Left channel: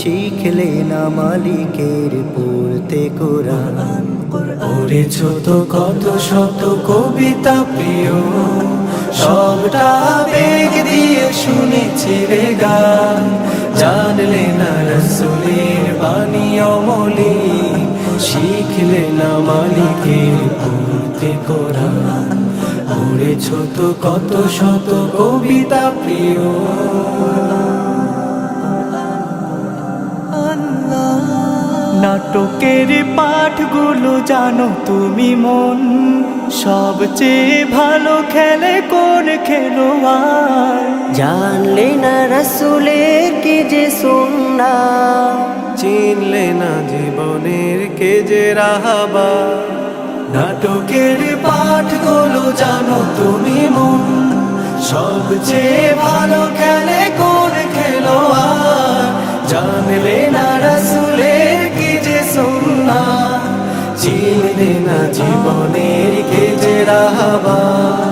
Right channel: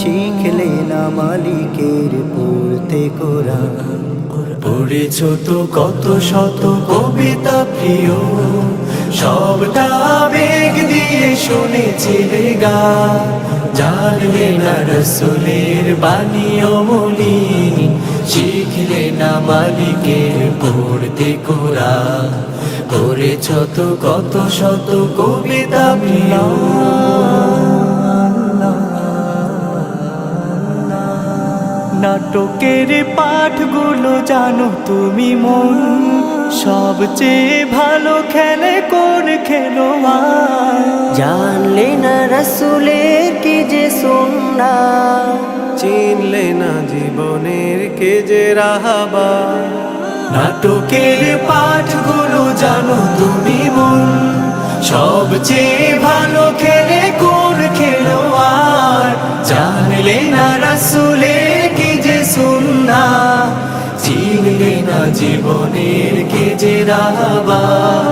শিখলে না মালিকের পড়তে কোরআন। পড়েছ তো কত শত কবিতা প্রিয়, সবটা আবেগ দিয়ে শুনেছিলে গান। জানলে না রসুলের বাণী অমলিন, শিখলে না মালিকের পড়তে কোরআন। পড়েছ তো কত শত কবিতা প্রিয়। নাটকের পাঠগুলো জানো তুমি মন, সবচেয়ে ভালো খেলে কোন খেলোয়াড়। জানলে না রসুলের কি যে সুন্নাহ, চিনলে না জীবনের কে যে রাহাবার। নাটকের পাঠগুলো জানো তুমি মন, সবচেয়ে ভালো খেলে কোন খেলোয়াড়। জানলে না রসুলের কি যে সুন্নাহ, চিনলে না জীবনের কে যে রাহাবার।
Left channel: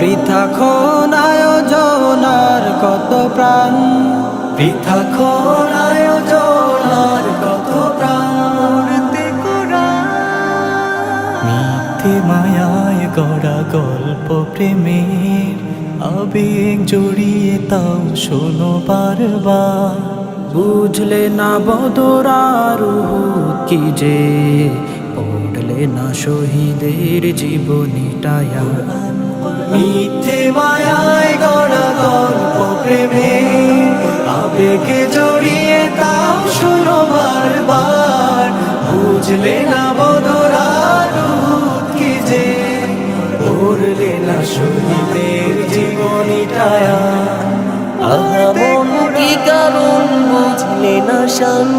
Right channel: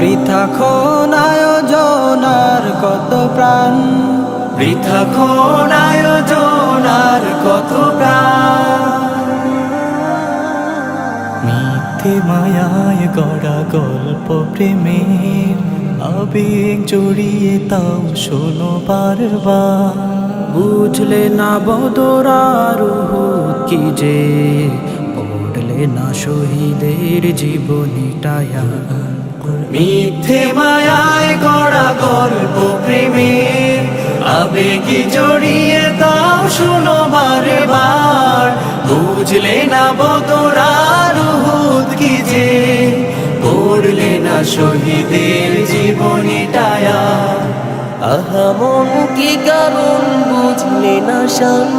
বৃথা খন আয়োজন আর কত প্রাণ, বৃথা কোন আয়োজন আর কত প্রাণ। মিথ্যে মায়ায় গড়া গল্প প্রেমের, আবেগ জড়িয়ে তাও শোনো বারবার। বুঝলে না বদর আর উহুদ কি যে, পড়লে না শহীদের জীবনীটায়া। মিথ্যে মায়ায় গড়া গল্প প্রেমে, আবেগে জড়িয়ে তাও শুনো বারবার। বুঝলে না বদর আর উহুদ কি যে, পড়লে না শহীদের জীবনীটায়া। আহা মন কি কারণ বুঝলে না শান,